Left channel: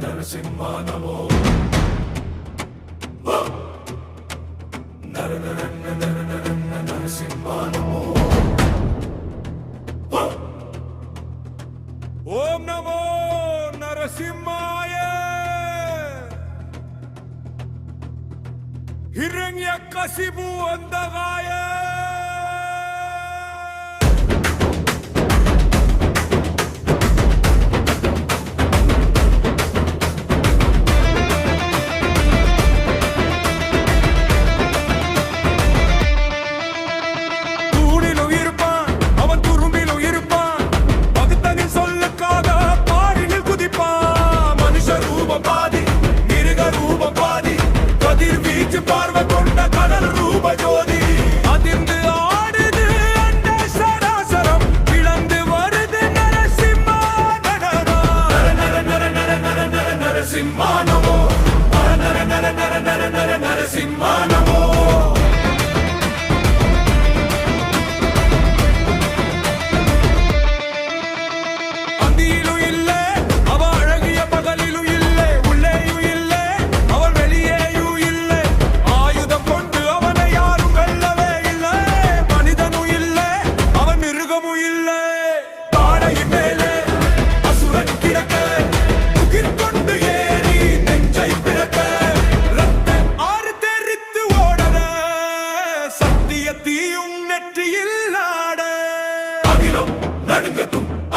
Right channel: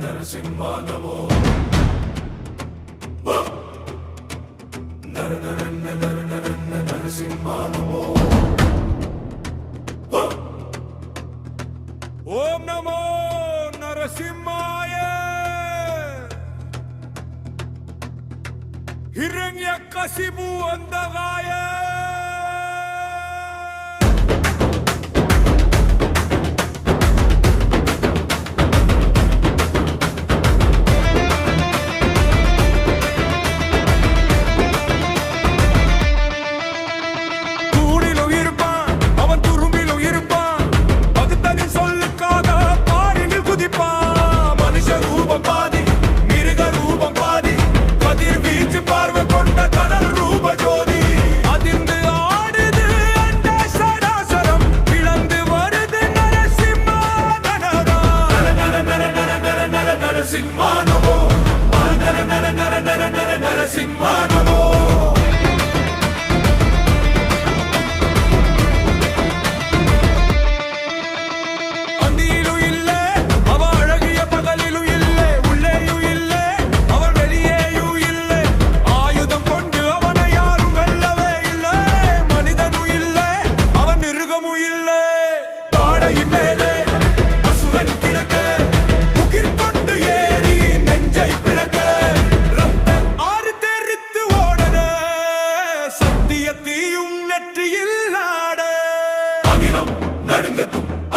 నరసింహ నమో నరసింహ నమో ఓం నమో నరసింహాయ హిరణ్యకశిపు అంధకాయ பார்வை கொண்ட கடல் ரூப ஜோதி அதிர்ந்து ஆடுது அண்ட சராசரம் பிளந்து வருது நரசிம்மா நரசிம்மா நமோ நரசிம்மா நமோ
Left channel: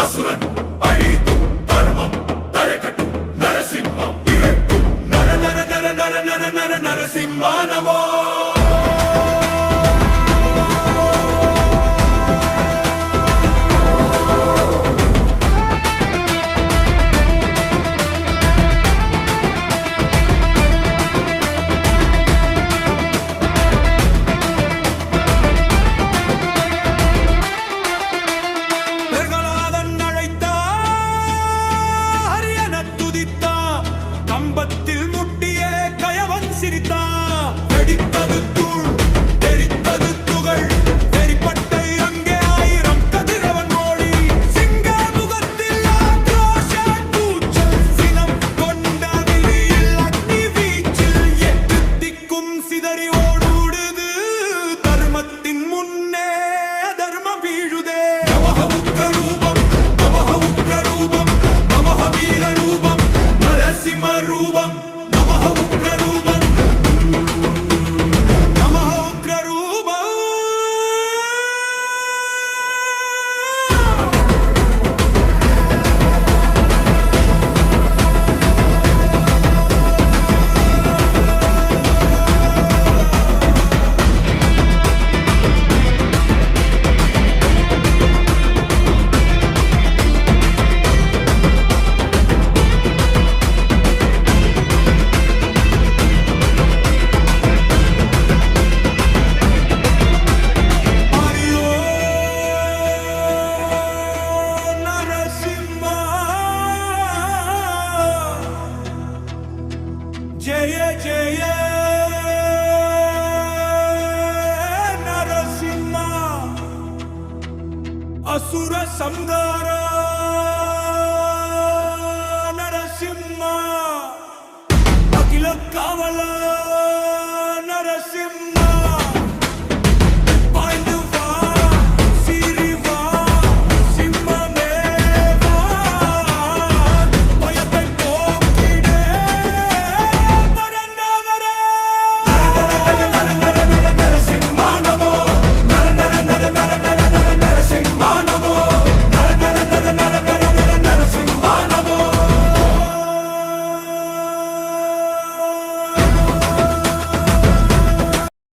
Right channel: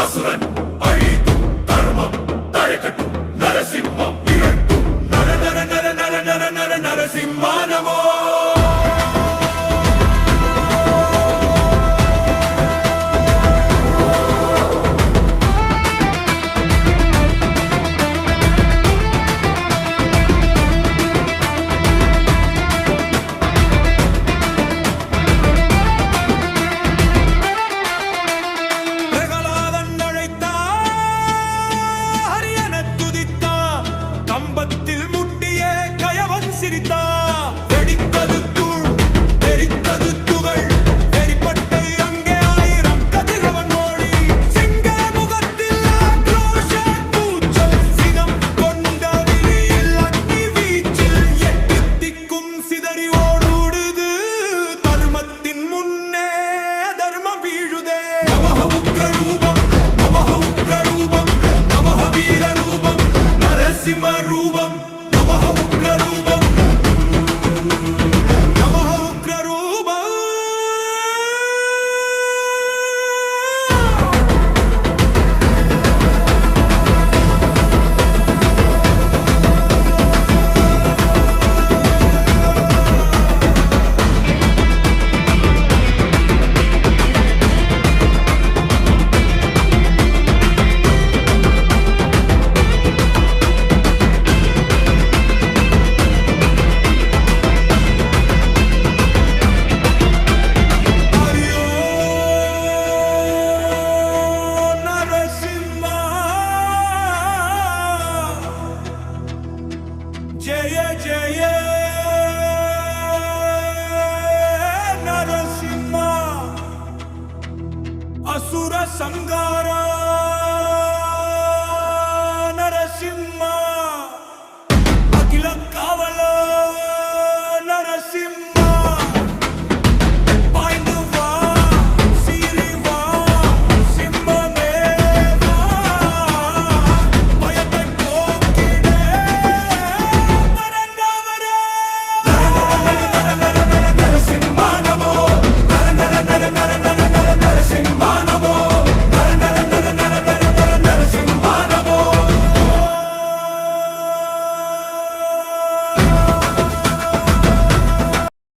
அசுரன் அழித்தும் தர்மம் தழைக்கட்டும் நரசிம்மம் இகழ்த்தும் நரசிம்மா நமோ கம்பத்தில் முட்டிய கயவன் சிரித்தா வெடித்தது தூள் தெரித்தது துகள் வெறிப்பட்டை அங்கே ஆயிரம் கதிரவன் மோழி சிங்க முகத்தில் ஆக்ரோஷ கூச்சல் சினம் கொண்ட விழியில் அக்னி வீச்சில் எட்டு திக்கும் சிதறி ஓடுது தர்மத்தின் முன்னே தர்மம் வீழுதே நமஹ உக்ர ரூபம் நமஹ வீர ரூபம் நரசிம்ம ரூபம் நமஹ உக்ர ரூபம் நமஹ உக்ர ரூபம் ஜெய ஜெய நரசிம்மா அசுர சம்ஹாரா